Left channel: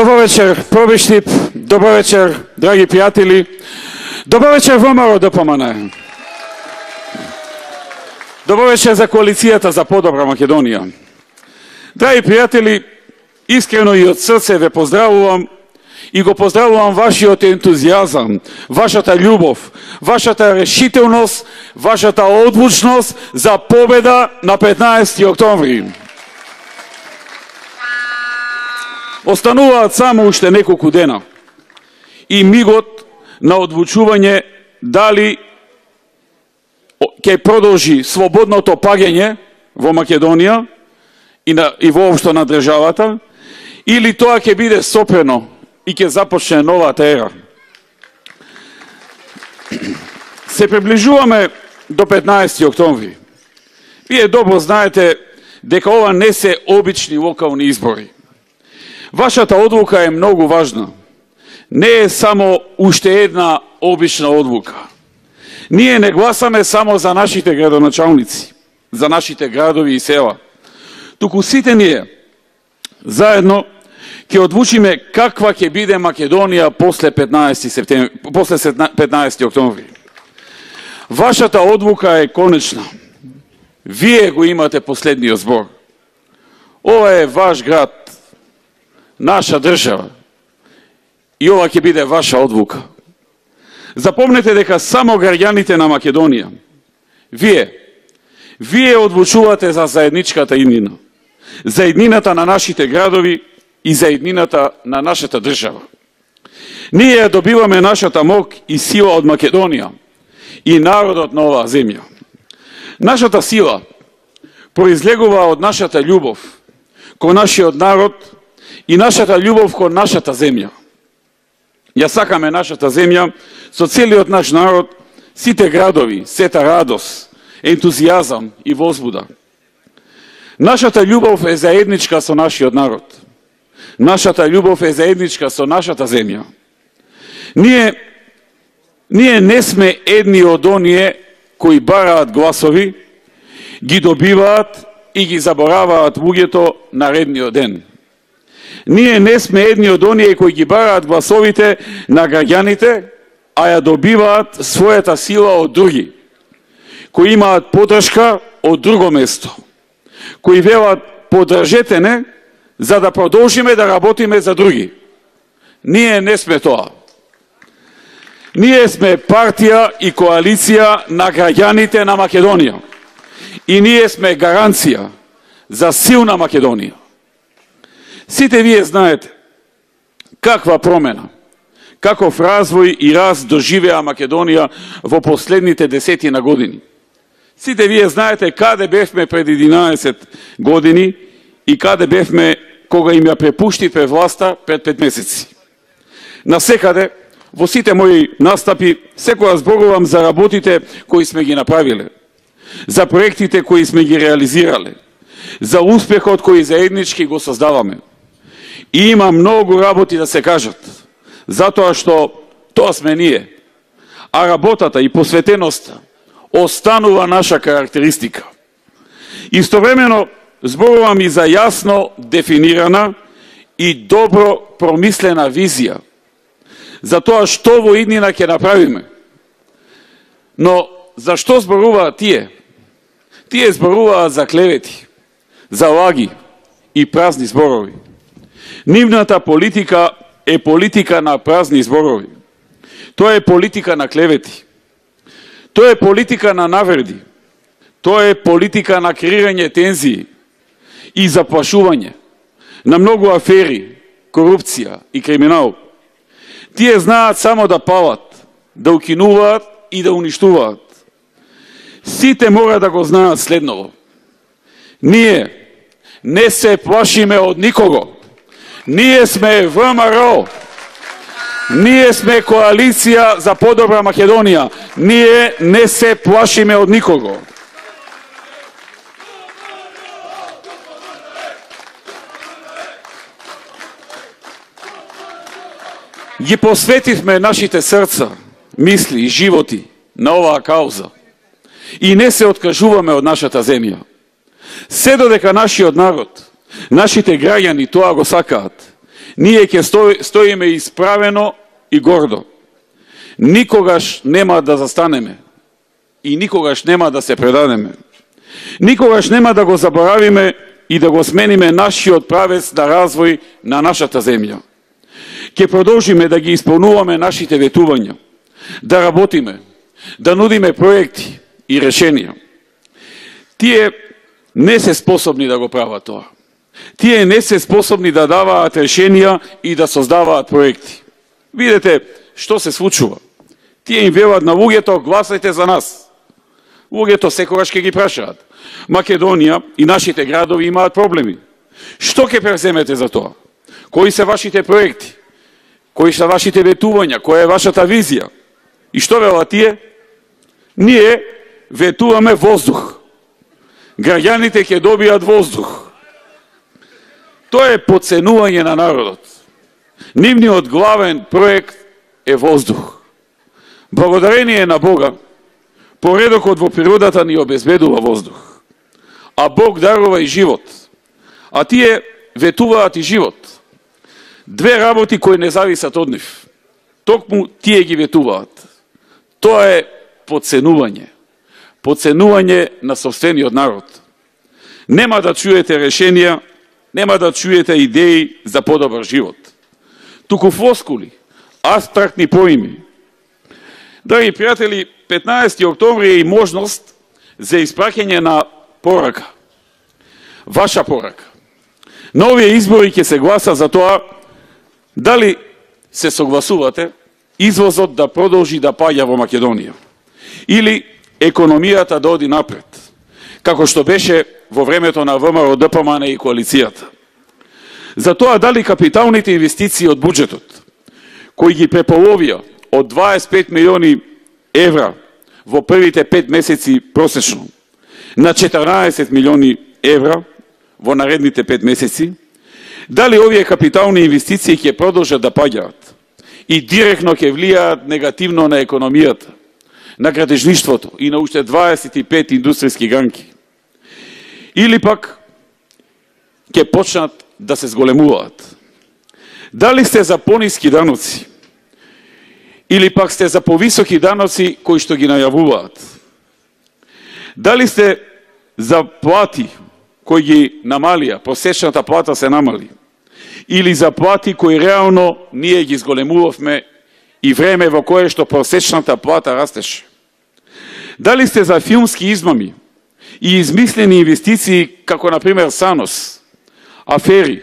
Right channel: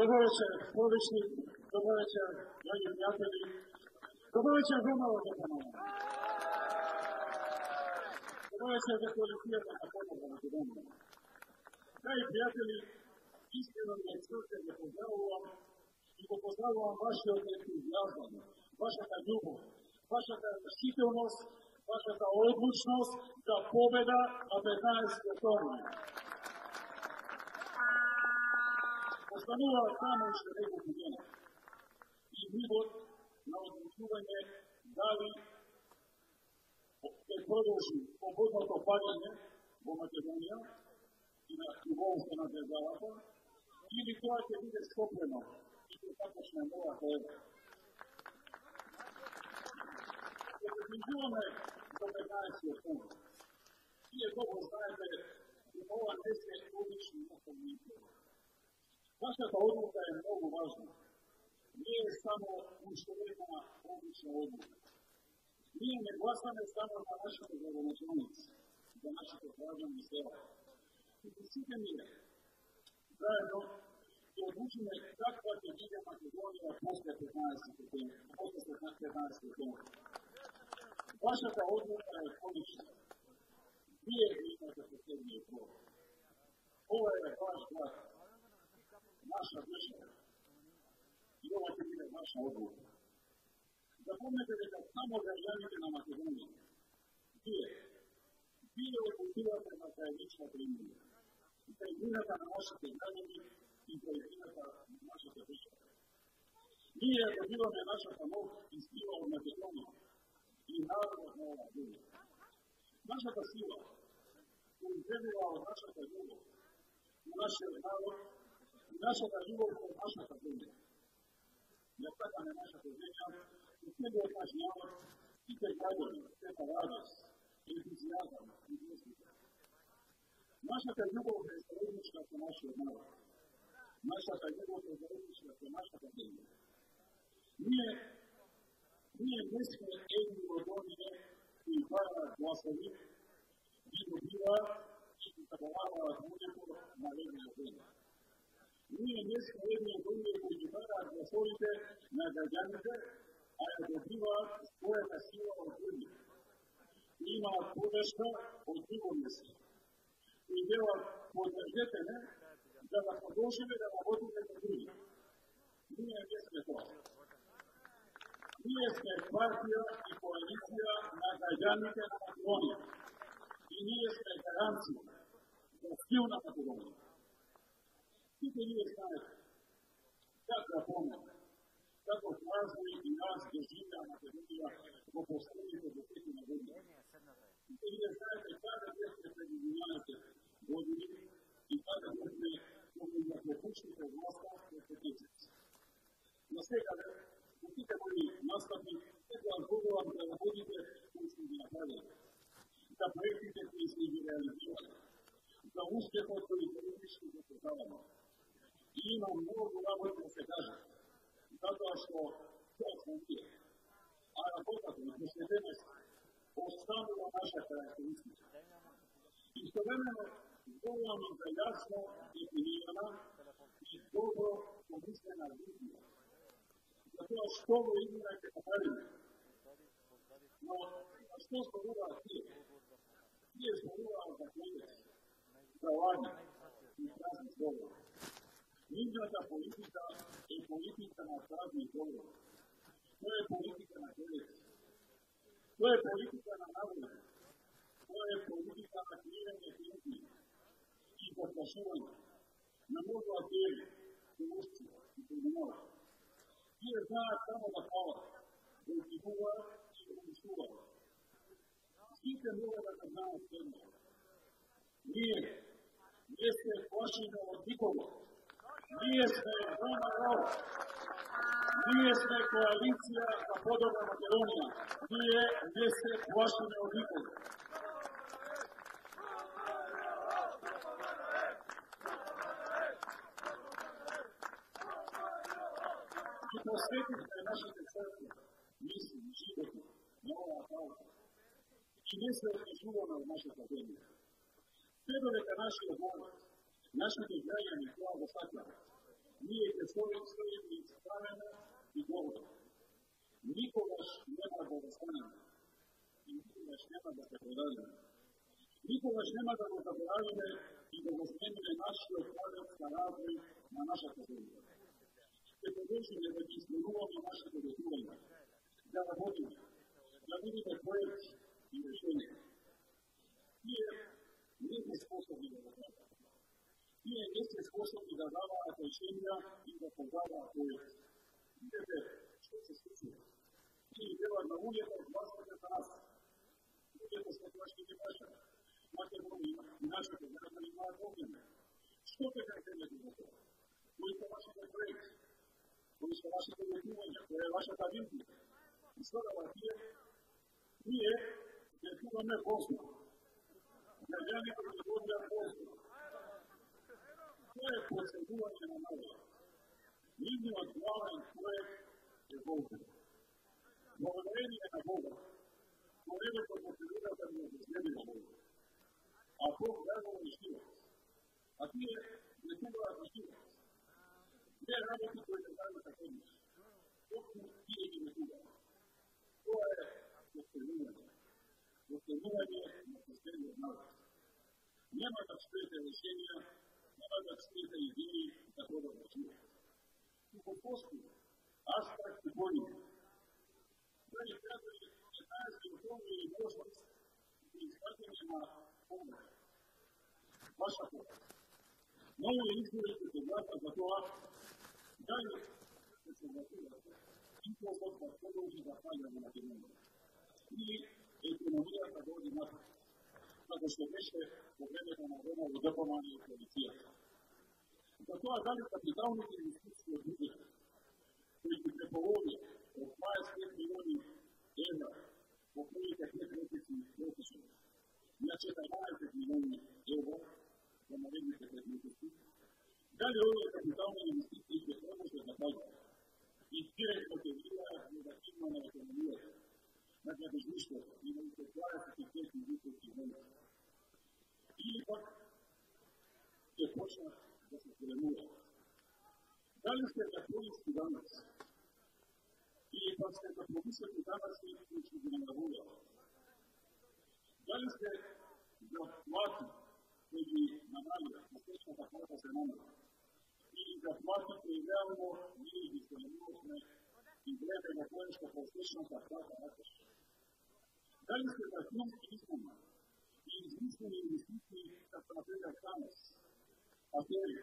Добър вечер, пробиштип, добър вечер, драги приятели. Добър вечер, ВМРО ДПМН. Добър вечер за коалицијата за подобра Македонија. Драги пријатели, искрено и од срце ве поздравувам и го поздравувам вашиот ентузијазам, вашата љубов, вашата решителност, вашата одлучност за победа на 15 октомври. Остануваат само уште неколку дена и мигот на одлучување дали ќе продолжи слободното паѓање во Македонија и воопшто на државата, или тоа ќе биде сопрено и ќе започне новата ера. Се приближуваме до 15 октомври. Вие добро знаете дека ова не се обични локални избори. Вашата одлука е многу важна. Не е само уште една обична одлука. Ние не гласаме само за нашите градоначалници, за нашите градови и села. Туку сите ние заедно ќе одлучиме каква ќе биде Македонија после 15 октомври. Вашата одлука е конечна. Вие го имате последниот збор. Ова е ваш град, наша држава. И ова ќе биде ваша одлука. Запомнете дека само граѓаните на Македонија, вие одлучувате за заедничката иднина, за иднината на нашите градови и за иднината на нашата држава. Ние добиваме нашата мок и сила од Македонија и народот на оваа земја. Нашата сила произлегува од нашата љубов кон нашиот народ и нашата љубов кон нашата земја. Ја сакаме нашата земја со целиот наш народ, сите градови, сета радост, ентузијазам и возбуда. Нашата љубов е заедничка со нашиот народ. Нашата љубов е заедничка со нашата земја. Ние не сме едни од оние кои бараат гласови, ги добиваат и ги забораваат луѓето наредниот ден. Ние не сме едни од оние кои ги бараат гласовите на граѓаните, а ја добиваат својата сила од други, кои имаат поддршка од друго место, кои велат поддржете не, за да продолжиме да работиме за други. Ние не сме тоа. Ние сме партија и коалиција на граѓаните на Македонија. И ние сме гаранција за силна Македонија. Сите вие знаете каква промена, каков развој и раст доживеа Македонија во последните десетина години. Сите вие знаете каде бевме пред 11 години и каде бевме кога им ја препуштиве власта пред 5 месеци. Насекаде, во сите мои настапи, секогаш зборувам за работите кои сме ги направиле, за проектите кои сме ги реализирале, за успехот кој заеднички го создаваме. И има многу работи да се кажат, затоа што тоа сме ние, а работата и посветеноста останува наша карактеристика. Истовремено зборувам и за јасно дефинирана и добро промислена визија за тоа што во иднина ќе направиме. Но зашто зборуваат тие? Тие зборуваат за клевети, за лаги и празни зборови. Нивната политика е политика на празни зборови. Тоа е политика на клевети. Тоа е политика на навреди. Тоа е политика на креирање тензии и заплашување, на многу афери, корупција и криминал. Тие знаат само да палат, да укинуваат и да уништуваат. Сите мора да го знаат следново. Ние не се плашиме од никого. Ние сме ВМРО. Ние сме коалиција за подобра Македонија. Ние не се плашиме од никого. Ги посветивме нашите срца, мисли и животи на оваа кауза. И не се откажуваме од нашата земја. Се додека нашиот народ, нашите граѓани тоа го сакаат, ние ќе стоиме исправено и гордо. Никогаш нема да застанеме и никогаш нема да се предадеме. Никогаш нема да го заборавиме и да го смениме нашиот правец на развој на нашата земја. Ќе продолжиме да ги исполнуваме нашите ветувања, да работиме, да нудиме проекти и решенија. Тие не се способни да го прават тоа. Тие не се способни да даваат решенија и да создаваат проекти. Видете што се случува. Тие им велат на луѓето, гласајте за нас. Луѓето секогаш ќе ги прашаат. Македонија и нашите градови имаат проблеми. Што ќе преземете за тоа? Кои се вашите проекти? Кои се вашите ветувања? Која е вашата визија? И што велат тие? Ние ветуваме воздух. Граѓаните ќе добијат воздух. Тоа е потценување на народот. Нивниот главен проект е воздух. Благодарение на Бога, поредокот во природата ни обезбедува воздух. А Бог дарува и живот. А тие ветуваат и живот. Две работи кои не зависат од нив. Токму тие ги ветуваат. Тоа е потценување. Потценување на собствениот народ. Нема да чуете решенија, нема да чуете идеи за подобар живот. Туку флоскули, абстрактни поими. Драги пријатели, 15. октомври е и можност за испраќање на порака. Ваша порака. На овие избори ќе се гласа за тоа дали се согласувате извозот да продолжи да паѓа во Македонија или економијата да оди напред, како што беше во времето на ВМРО, ДПМН и коалицијата. За тоа дали капиталните инвестиции од буџетот, кои ги преполовија од 25 милиони евра во првите 5 месеци просечно на 14 милиони евра во наредните 5 месеци, дали овие капитални инвестиции ќе продолжат да паѓаат и директно ќе влијаат негативно на економијата, на градежништвото и на уште 25 индустријски гранки. Или пак ќе почнат да се зголемуваат. Дали сте за пониски даноци или пак сте за повисоки даноци кои што ги најавуваат? Дали сте за плати кои ги намалија, просечната плата се намали, или за плати кои реално ние ги зголемувавме и време во кое што просечната плата растеше? Дали сте за филмски измами и измислени инвестиции како например САНОС, афери,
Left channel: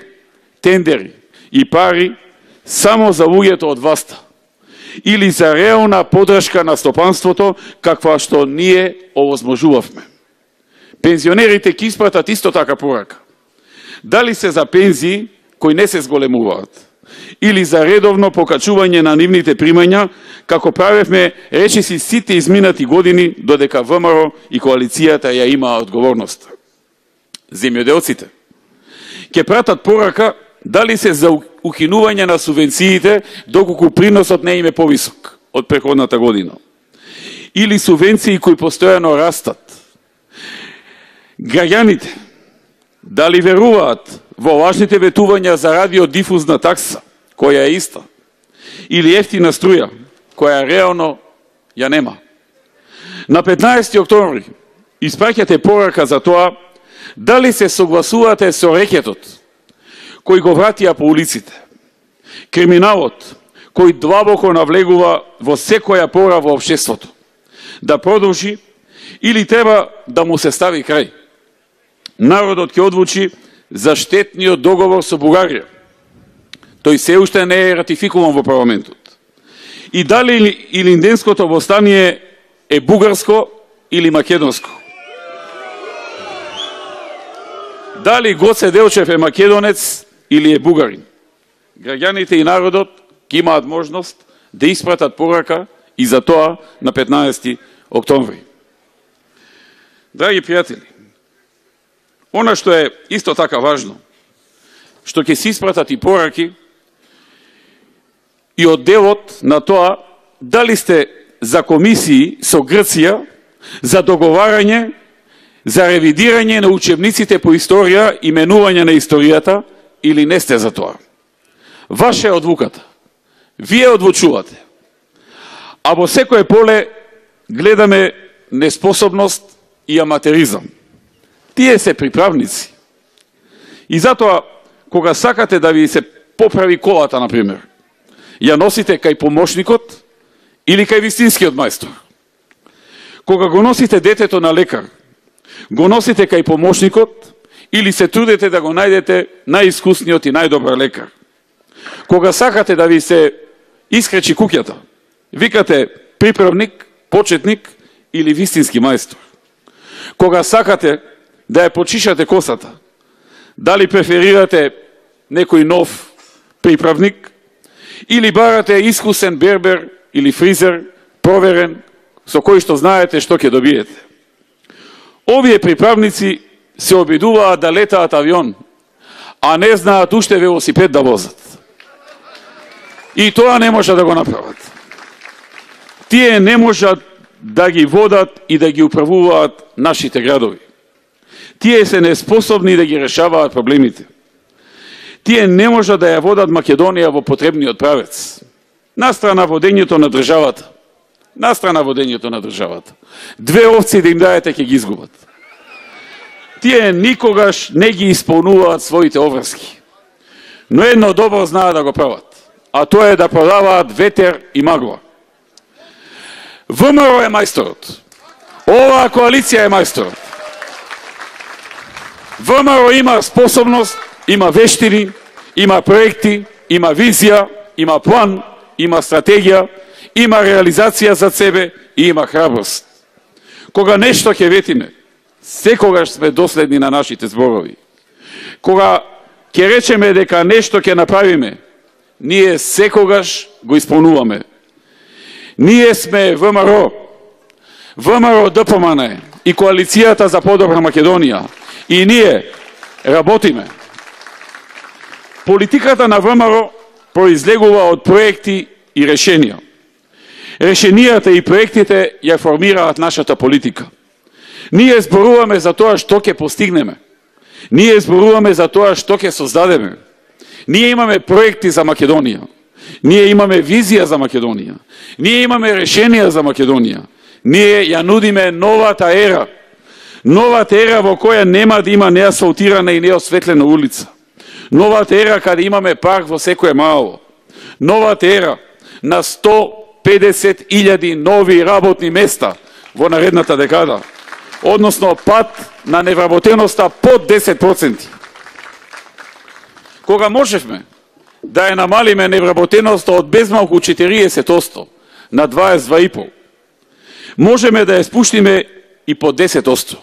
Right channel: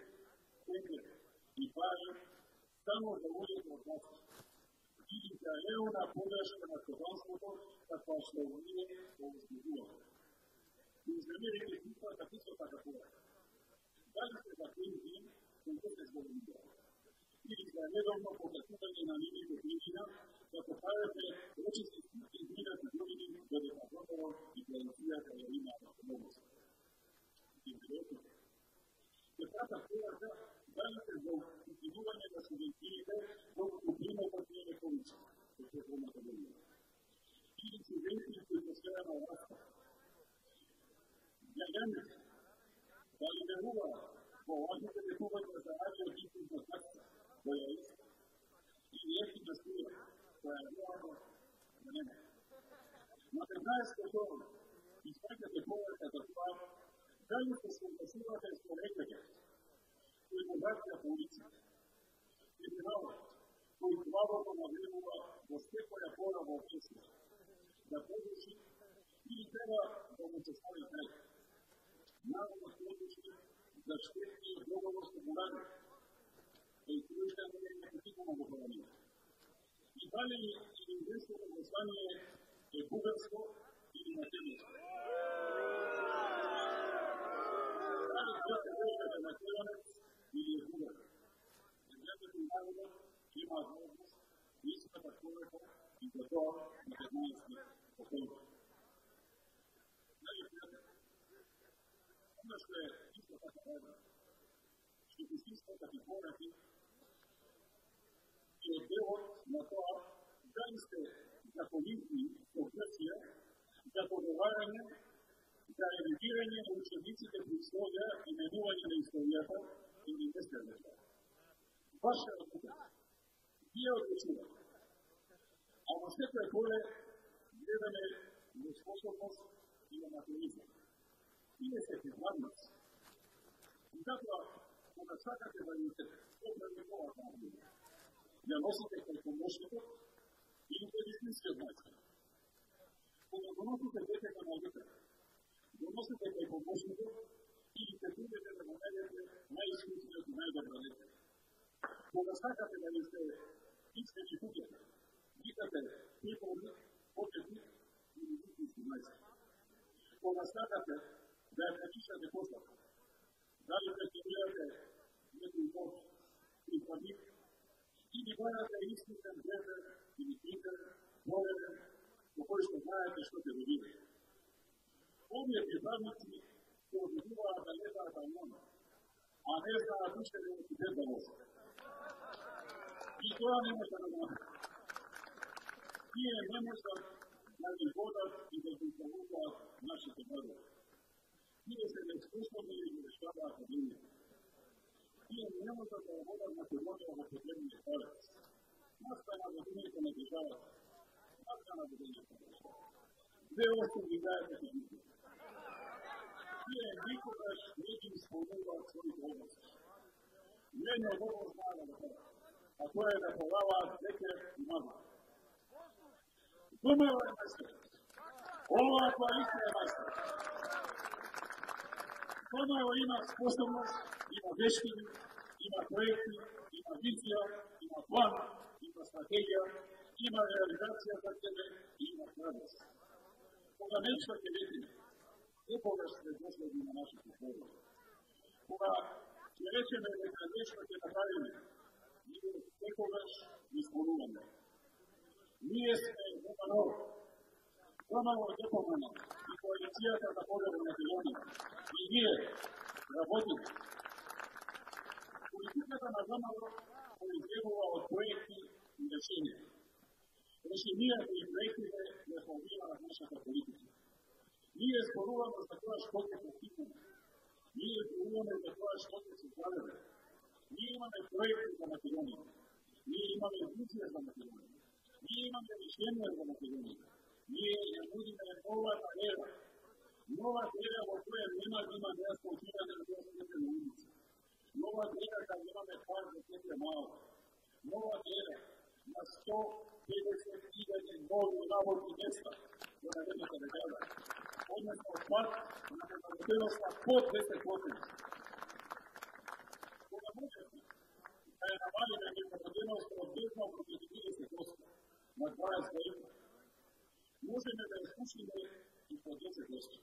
тендери и пари само за луѓето од власта, или за реална подршка на стопанството каква што ние овозможувавме? Пензионерите ќе испратат исто така порака. Дали се за пензии кои не се зголемуваат, или за редовно покачување на нивните примања, како правевме речиси сите изминати години, додека ВМРО и коалицијата ја имаа одговорност? Земјоделците ќе пратат порака дали се за укинување на субвенциите, доколку приносот не им е повисок од претходната година, или субвенции кои постојано растат? Граѓаните дали веруваат во лажните ветувања за радиодифузна такса, која е иста, или ефтина струја, која реално ја нема? На 15. октомври испраќате порака за тоа дали се согласувате со рекетот кој го вратија по улиците, криминалот кој длабоко навлегува во секоја пора во општеството, да продолжи или треба да му се стави крај? Народот ќе одлучи за штетниот договор со Бугарија. Тој се уште не е ратификуван во парламентот. И дали Илинденското востание е бугарско или македонско? Дали Гоце Делчев е македонец или е бугарин? Граѓаните и народот ќе имаат можност да испратат порака и за тоа на 15. октомври. Драги пријатели, она што е исто така важно, што ќе се испратат и пораки и од делот на тоа дали сте за комисии со Грција за договарање за ревидирање на учебниците по историја и менување на историјата или не сте за тоа. Ваша е одлуката. Вие одлучувате. А во секое поле гледаме неспособност и аматеризам. Тие се приправници. И затоа, кога сакате да ви се поправи колата, например, ја носите кај помошникот или кај вистинскиот мајстор. Кога го носите детето на лекар, го носите кај помошникот или се трудите да го најдете најискусниот и најдобар лекар. Кога сакате да ви се искречи куќата, викате приправник, почетник или вистински мајстор. Кога сакате да ја почишате косата, дали преферирате некој нов приправник или барате искусен бербер или фризер, проверен, со кој што знаете што ќе добиете. Овие приправници се обидуваат да летаат авион, а не знаат уште велосипед да возат. И тоа не може да го направат. Тие не можат да ги водат и да ги управуваат нашите градови. Тие се неспособни да ги решаваат проблемите. Тие не можат да ја водат Македонија во потребниот правец. Настрана водењето на државата. Настрана водењето на државата. 2 овци да им даете ќе ги изгубат. Тие никогаш не ги исполнуваат своите обврски. Но едно добро знаат да го прават. А тоа е да продаваат ветер и магла. ВМРО е мајсторот. Оваа коалиција е мајсторот. ВМРО има способност, има вештини, има проекти, има визија, има план, има стратегија, има реализација за себе и има храброст. Кога нешто ќе ветиме, секогаш сме доследни на нашите зборови. Кога ќе речеме дека нешто ќе направиме, ние секогаш го исполнуваме. Ние сме ВМРО, ВМРО ДПМН и Коалицијата за подобра Македонија. И ние работиме. Политиката на ВМРО произлегува од проекти и решенија. Решенијата и проектите ја формираат нашата политика. Ние зборуваме за тоа што ќе постигнеме. Ние зборуваме за тоа што ќе создадеме. Ние имаме проекти за Македонија. Ние имаме визија за Македонија. Ние имаме решенија за Македонија. Ние ја нудиме новата ера. Новата ера во која нема да има неасфалтирана и неосветлена улица. Новата ера каде имаме парк во секое мало. Новата ера на 150.000 нови работни места во наредната декада. Односно пат на невработеноста под 10%. Кога можевме да ја намалиме невработеноста од безмалку 40% на 22,5%, можеме да ја спуштиме и по 10%.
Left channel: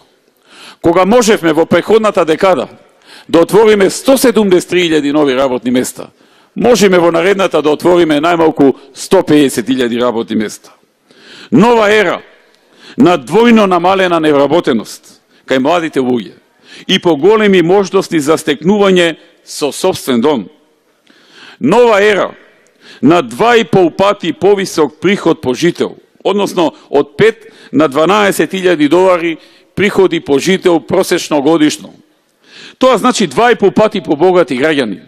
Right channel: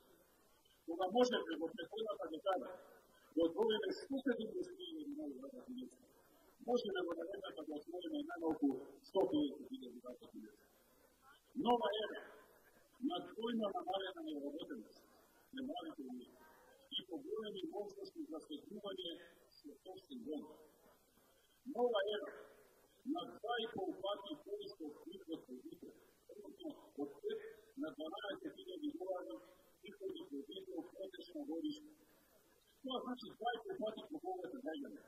Кога можевме во преходната декада да отвориме 173.000 нови работни места, можеме во наредната да отвориме најмалку 150.000 работни места. Нова ера на двојно намалена невработеност кај младите луѓе и поголеми можности за стекнување со собствен дом. Нова ера на 2,5 пати повисок приход по жител, односно од 5 на 12.000 долари приходи по жител просечно годишно. Тоа значи 2,5 пати побогати граѓани,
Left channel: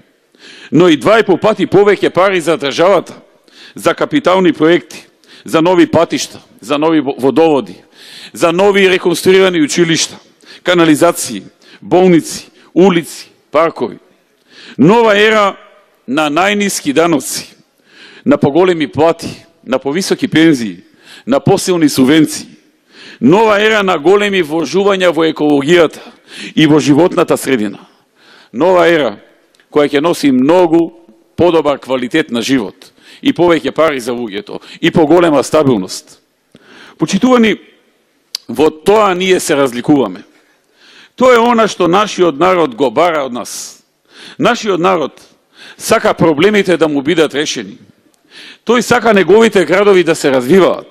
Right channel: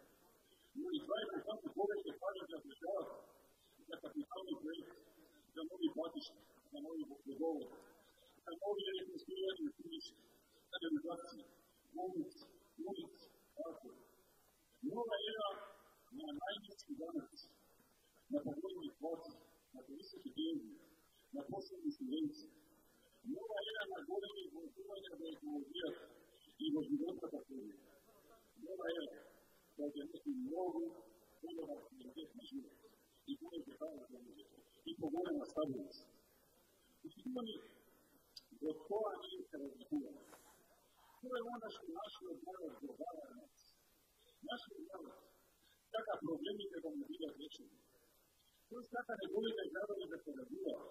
но и 2,5 пати повеќе пари за државата, за капитални проекти, за нови патишта, за нови водоводи, за нови реконструирани училишта, канализации, болници, улици, паркови. Нова ера на најниски даноци, на поголеми плати, на повисоки пензии, на посилни субвенции. Нова ера на големи вложувања во екологијата и во животната средина. Нова ера која ќе носи многу подобар квалитет на живот и повеќе пари за луѓето и поголема стабилност. Почитувани, во тоа ние се разликуваме. Тоа е она што нашиот народ го бара од нас. Нашиот народ сака проблемите да му бидат решени. Тој сака неговите градови да се развиваат.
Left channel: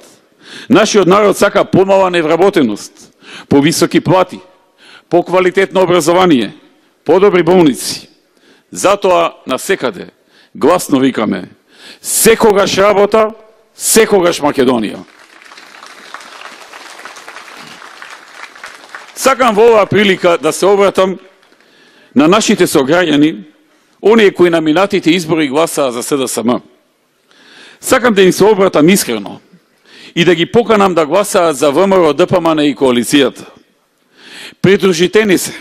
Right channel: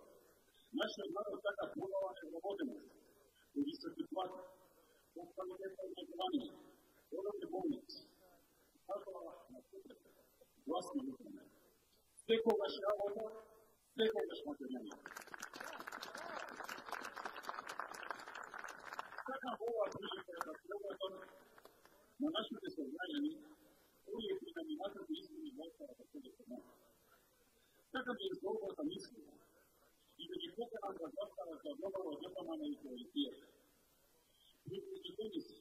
Нашиот народ сака помала невработеност, повисоки плати, поквалитетно образование, подобри болници. Затоа насекаде гласно викаме: секогаш работа, секогаш Македонија. Сакам во оваа прилика да се обратам на нашите сограѓани оние кои на минатите избори гласаа за СДСМ. Сакам да им се обратам искрено и да ги поканам да гласаат за ВМРО, ДПМН и коалицијата. Придружите ни се,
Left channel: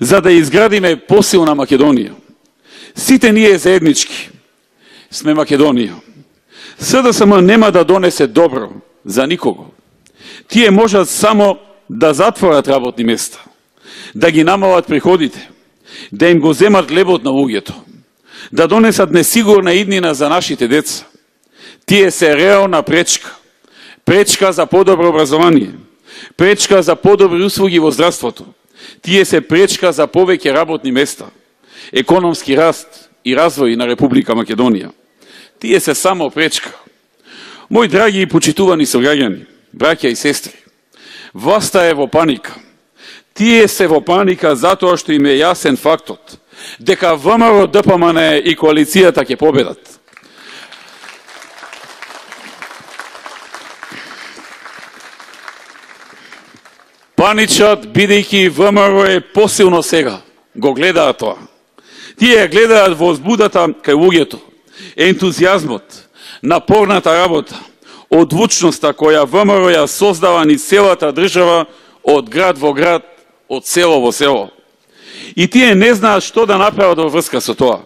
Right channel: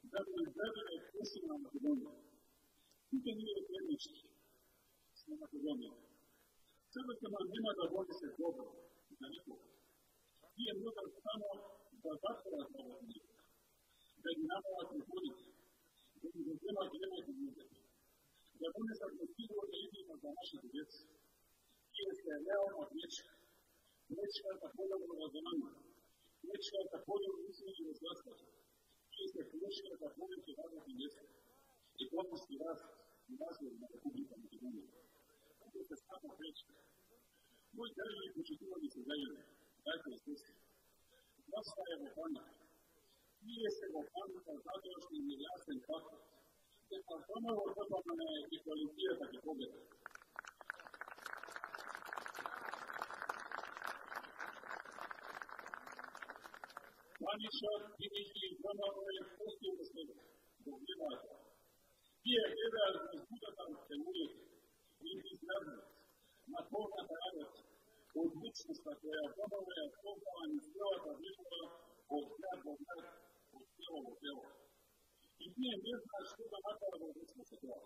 за да изградиме посилна Македонија. Сите ние заеднички сме Македонија. СДСМ нема да донесе добро за никого. Тие можат само да затворат работни места, да ги намалат приходите, да им го земат лебот на луѓето, да донесат несигурна иднина за нашите деца. Тие се реална пречка. Пречка за подобро образование, пречка за подобри услуги во здравството. Тие се пречка за повеќе работни места, економски раст и развој на Република Македонија. Тие се само пречка. Мои драги и почитувани сограѓани, браќа и сестри, власта е во паника. Тие се во паника затоа што им е јасен фактот дека ВМРО, ДПМН и коалицијата ќе победат. Паничат, бидејќи ВМРО е посилно сега. Го гледаат тоа. Тие гледаат возбудата кај луѓето, ентузијазмот, напорната работа, одлучноста која ВМРО ја создава ни целата држава од град во град, од село во село. И тие не знаат што да направат во врска со тоа.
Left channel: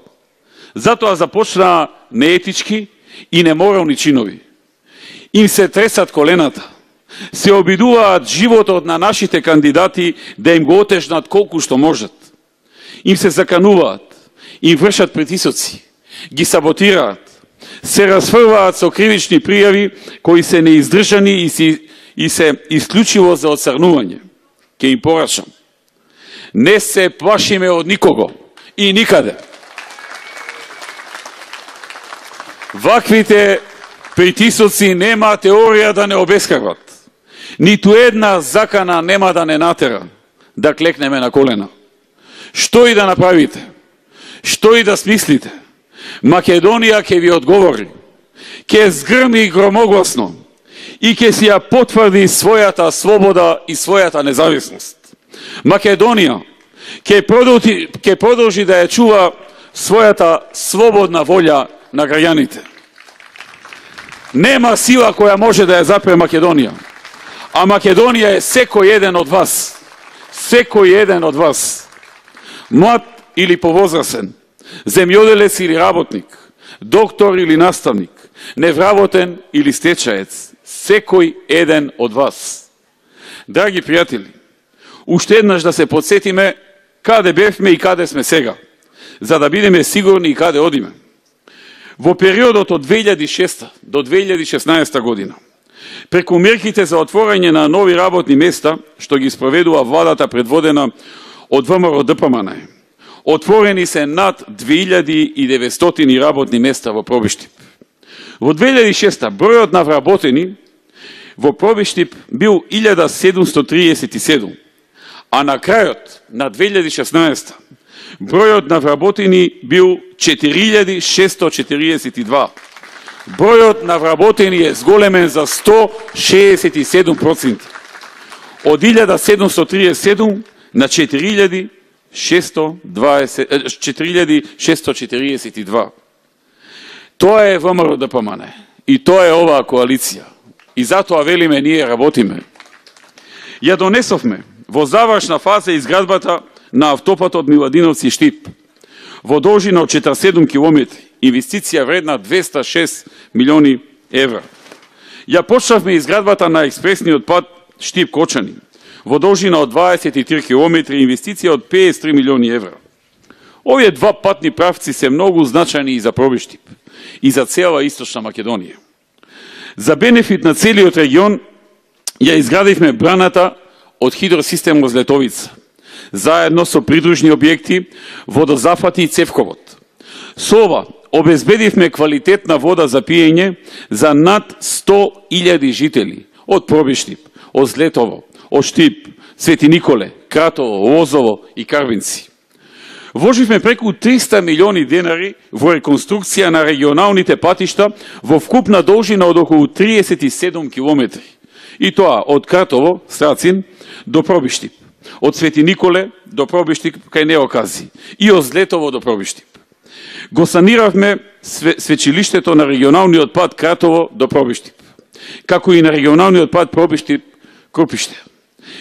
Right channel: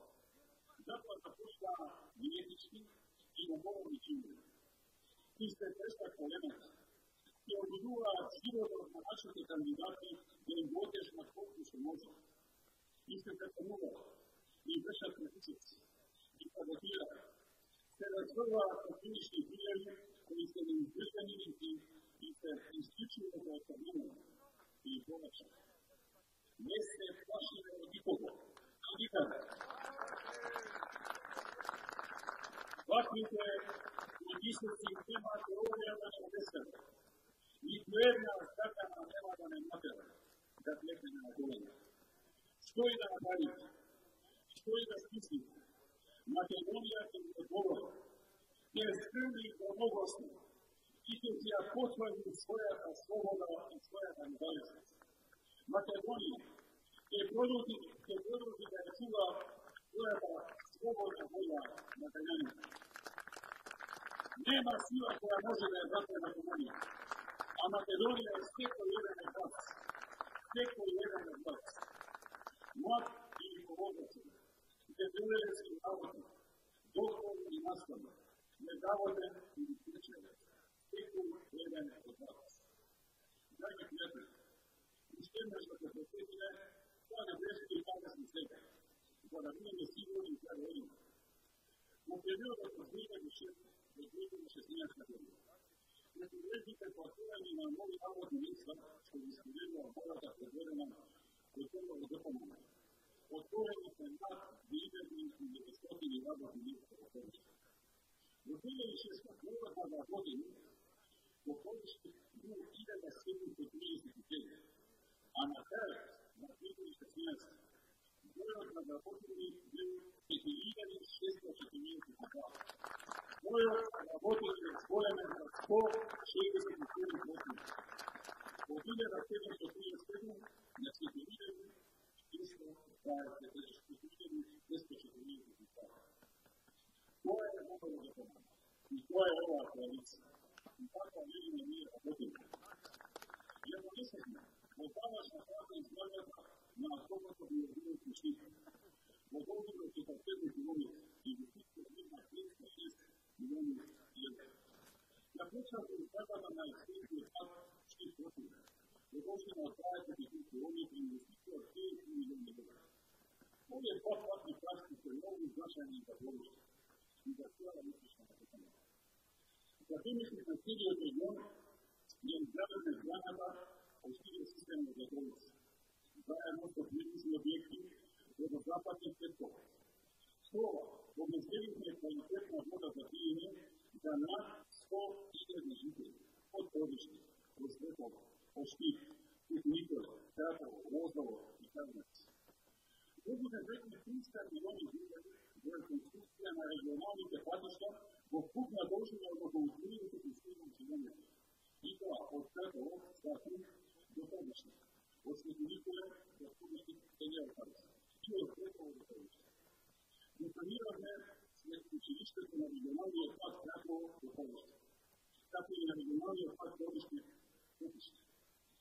Затоа започнаа неетички и неморални чинови. Им се тресат колената. Се обидуваат животот на нашите кандидати да им го отежнат колку што можат. Им се закануваат, им вршат притисоци, ги саботираат, се расфрваат со кривични пријави кои се неиздржани и се исклучиво за отцрнување. Ке им порачам. Не се плашиме од никого и никаде. Ваквите притисоци нема теорија да не обескрват. Ниту една закана нема да не натера да клекнеме на колена. Што и да направите, што и да смислите, Македонија ќе ви одговори, ќе згрми громогласно и ќе си ја потврди својата слобода и својата независност. Македонија ќе продолжи да ја чува својата слободна волја на граѓаните. Нема сила која може да ја запре Македонија. А Македонија е секој еден од вас. Секој еден од вас. Млад или повозрасен, земјоделец или работник, доктор или наставник, невработен или стечаец. Секој еден од вас. Драги пријатели, уште еднаш да се подсетиме каде бевме и каде сме сега, за да бидеме сигурни и каде одиме. Во периодот од 2006 до 2016 година, преку мерките за отворање на нови работни места, што ги спроведува владата предводена од ВМРО ДПМН, отворени се над 2900 работни места во Пробиштип. Во 2006 бројот на вработени во Пробиштип бил 1737, а на крајот на 2016 бројот на вработени бил 4642. Бројот на вработени е зголемен за 167%. Од 1737 на 4642. Тоа е ВМРО ДПМН. И тоа е оваа коалиција. И затоа велиме ние работиме. Ја донесовме во завршна фаза изградбата на автопатот Миладиновци Штип во должина од 47 километри, инвестиција вредна 206 милиони евра. Ја почнавме изградбата на експресниот пат Штип-Кочани во должина од 23 километри, инвестиција од 53 милиони евра. Овие два патни правци се многу значајни и за Пробиштип и за цела Источна Македонија. За бенефит на целиот регион ја изградивме браната од хидросистем Летовица, заедно со придружни објекти, водозафати и цевковод. Со ова обезбедивме квалитетна вода за пиење за над 100.000 жители од Пробиштип, од Злетово, од Штип, Свети Николе, Кратово, Лозово и Карвинци. Вложивме преку 300 милиони денари во реконструкција на регионалните патишта во вкупна должина од околу 37 километри. И тоа од Кратово, Страцин, до Пробиштип, од Свети Николе до Пробиштип кај Неокази и од Злетово до Пробиштип. Го саниравме свечилиштето на регионалниот пат Кратово до Пробиштип, како и на регионалниот пат Пробиштип-Крупиште.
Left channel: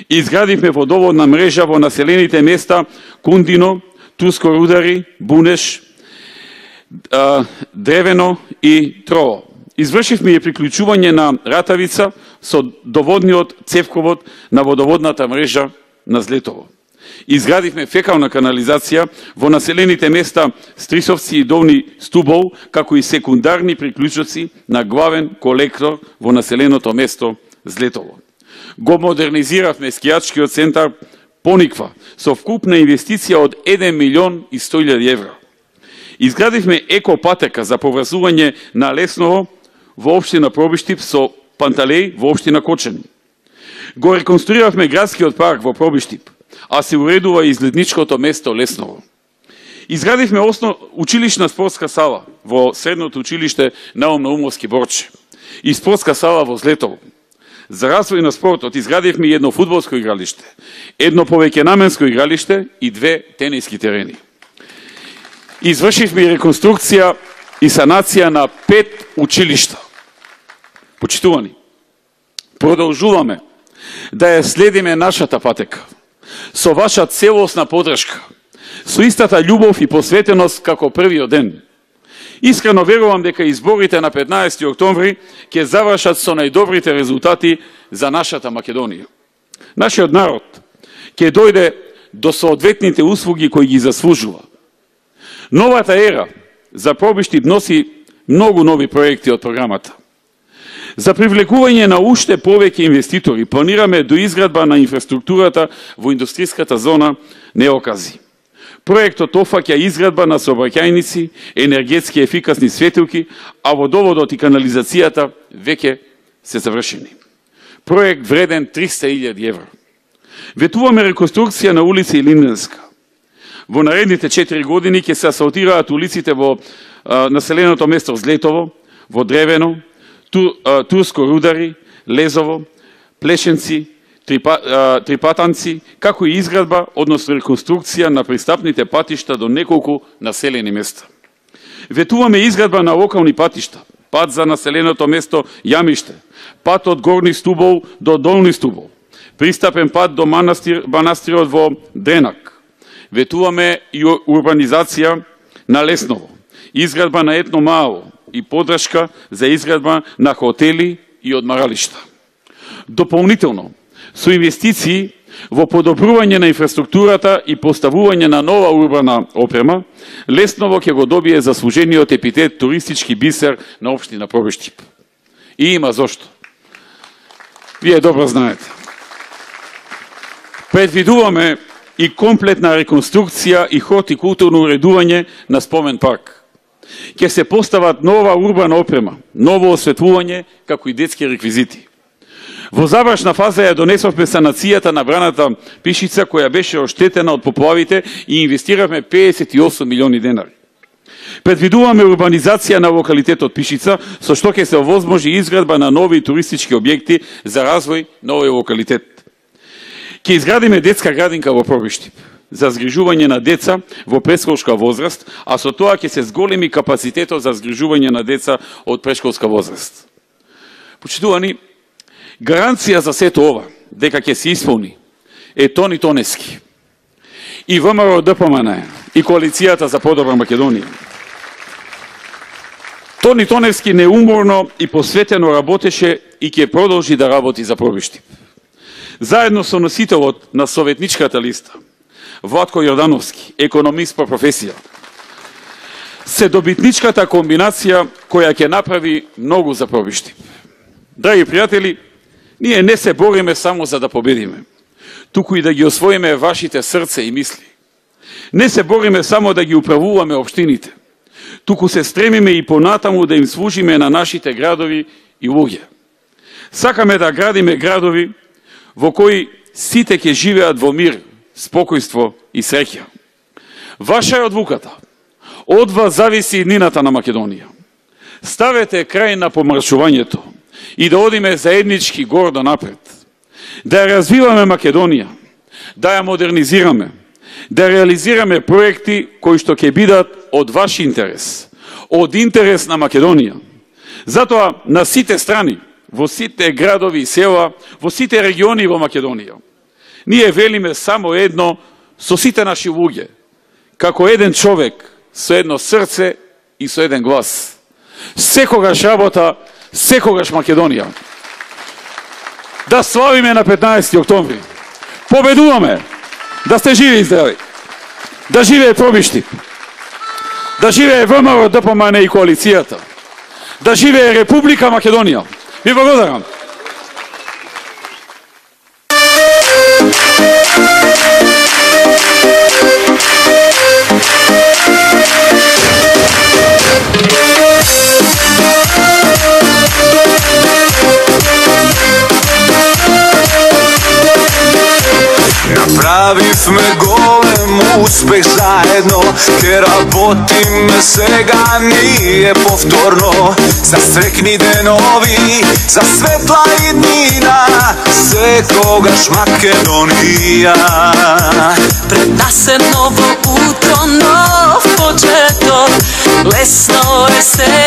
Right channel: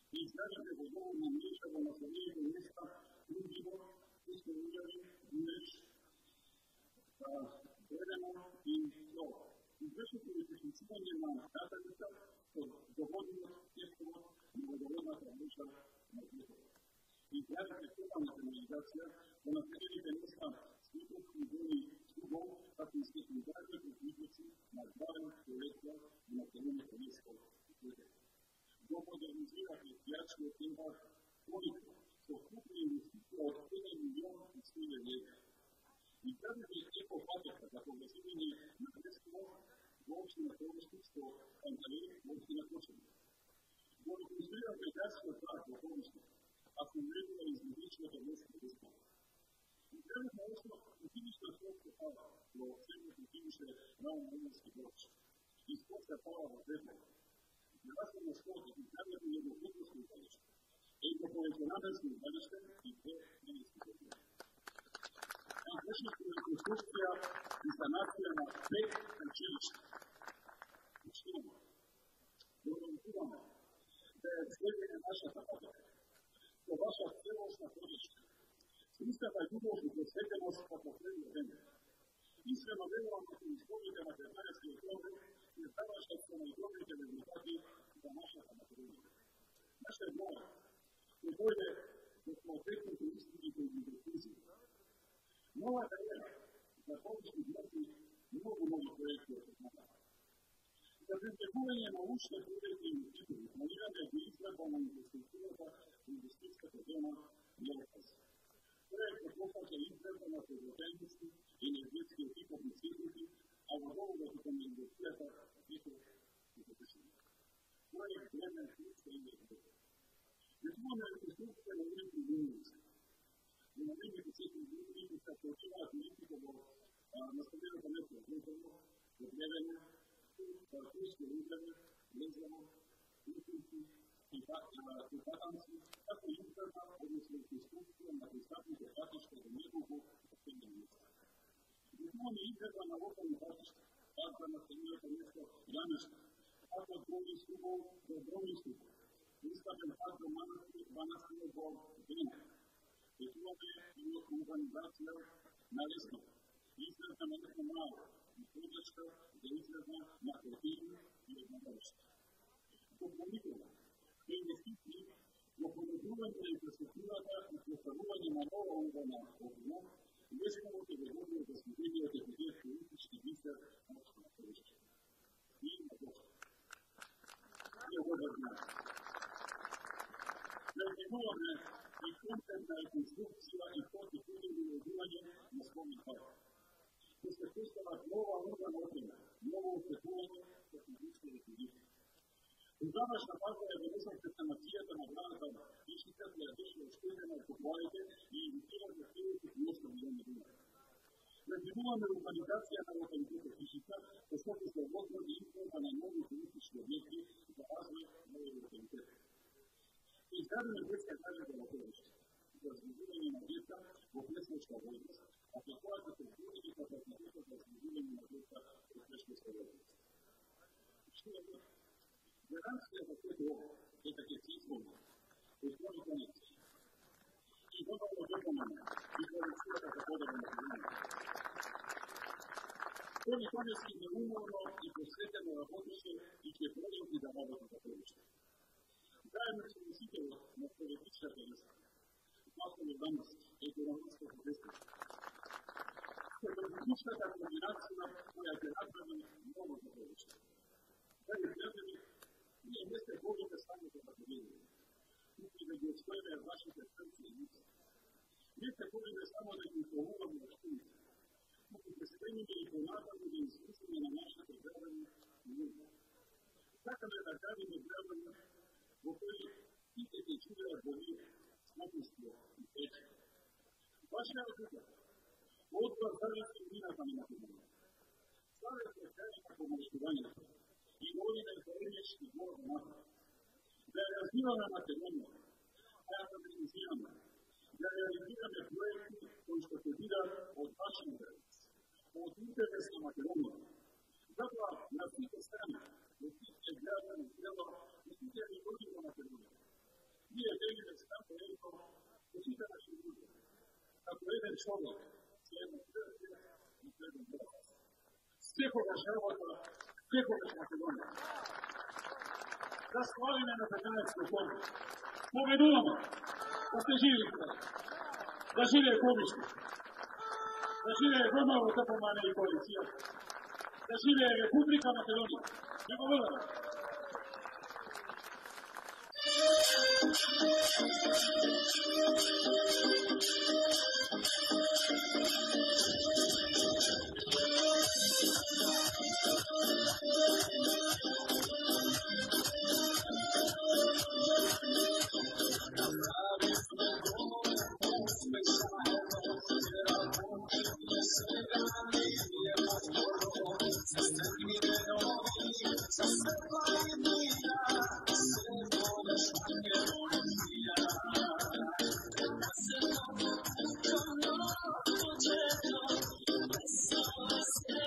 Изградивме водоводна мрежа во населените места Кундино, Турско Рудари, Бунеш, Древено и Трово. Извршивме и приклучување на Ратавица со доводниот цевковод на водоводната мрежа на Злетово. Изградивме фекална канализација во населените места Стрисовци и Долни Стубол, како и секундарни приклучоци на главен колектор во населеното место Злетово. Го модернизиравме скијачкиот центар Пониква со вкупна инвестиција од 1.100.000 евра. Изградивме екопатека за поврзување на Лесново во општина Пробиштип со Панталеј во општина Кочани. Го реконструиравме градскиот парк во Пробиштип, а се уредува и излетничкото место Лесново. Изградивме училишна спортска сала во средното училиште Наум Наумовски Борче и спортска сала во Злетово. За развој на спортот изградивме едно фудбалско игралиште, едно повеќенаменско игралиште и 2 тениски терени. Извршивме и реконструкција и санација на 5 училишта. Почитувани, продолжуваме да ја следиме нашата патека, со ваша целосна подршка, со истата љубов и посветеност како првиот ден. Искрено верувам дека изборите на 15 октомври ќе завршат со најдобрите резултати за нашата Македонија. Нашиот народ ќе дојде до соодветните услуги кои ги заслужува. Новата ера за Пробиштип носи многу нови проекти од програмата. За привлекување на уште повеќе инвеститори планираме доизградба на инфраструктурата во индустријската зона Неокази. Проектот офаќа изградба на сообраќајници, енергетски ефикасни светилки, а водоводот и канализацијата веќе се завршени. Проект вреден 300.000 евра. Ветуваме реконструкција на улица Илинденска. Во наредните 4 години ќе се асфалтираат улиците во населеното место Злетово, во Древено, Турско Рудари, Лезово, Плешенци, Трипатанци, како и изградба, односно реконструкција на пристапните патишта до неколку населени места. Ветуваме изградба на локални патишта, пат за населеното место Јамиште, пат од Горни Стубол до Долни Стубол, пристапен пат до манастирот во Дренак. Ветуваме и урбанизација на Лесново, изградба на етно мало и подршка за изградба на хотели и одмаралишта. Дополнително, со инвестиции во подобрување на инфраструктурата и поставување на нова урбана опрема, Лесново ќе го добие заслужениот епитет туристички бисер на општина Пробиштип. И има зошто. Вие добро знаете. Предвидуваме и комплетна реконструкција и хортикултурно уредување на спомен парк. Ќе се постават нова урбана опрема, ново осветлување, како и детски реквизити. Во завршна фаза ја донесовме санацијата на браната Пишица, која беше оштетена од поплавите и инвестиравме 58 милиони денари. Предвидуваме урбанизација на локалитетот Пишица, со што ќе се овозможи изградба на нови туристички објекти за развој на овој локалитет. Ќе изградиме детска градинка во Пробиштип за згрижување на деца во предшколска возраст, а со тоа ќе се зголеми капацитетот за згрижување на деца од предшколска возраст. Почитувани, гаранција за сето ова, дека ќе се исполни, е Тони Тоневски и ВМРО ДПМН и Коалицијата за подобра Македонија. Тони Тоневски неуморно и посветено работеше и ќе продолжи да работи за Пробиштип. Заедно со носителот на советничката листа, Владко Јордановски, економист по професија, се добитничката комбинација која ќе направи многу за Пробиштип. Драги пријатели, ние не се бориме само за да победиме, туку и да ги освоиме вашите срце и мисли. Не се бориме само да ги управуваме општините, туку се стремиме и понатаму да им служиме на нашите градови и луѓе. Сакаме да градиме градови во кои сите ќе живеат во мир, спокојство и среќа. Ваша е одлуката. Од вас зависи иднината на Македонија. Ставете крај на помршувањето и да одиме заеднички гордо напред. Да ја развиваме Македонија, да ја модернизираме, да реализираме проекти кои што ќе бидат od vaš interes, od interes na Македонија. Затоа на сите страни, во сите градови и села, во сите региони во Македонија, ние велиме само едно со сите наши луѓе, како еден човек, со едно срце и со еден глас. Секогаш работа, секогаш Македонија. Да славиме на 15 октомври. Победуваме! Да сте живи и здрави! Да живее Пробишти! Да живее ВМРО, ДПМН и коалицијата! Да живее Република Македонија! Ви благодарам! Направивме голем успех заедно, ке работиме сега ние повторно за срекни денови, за светла иднина, секогаш Македонија. Пред нас е ново утро, нов почеток, лесно е се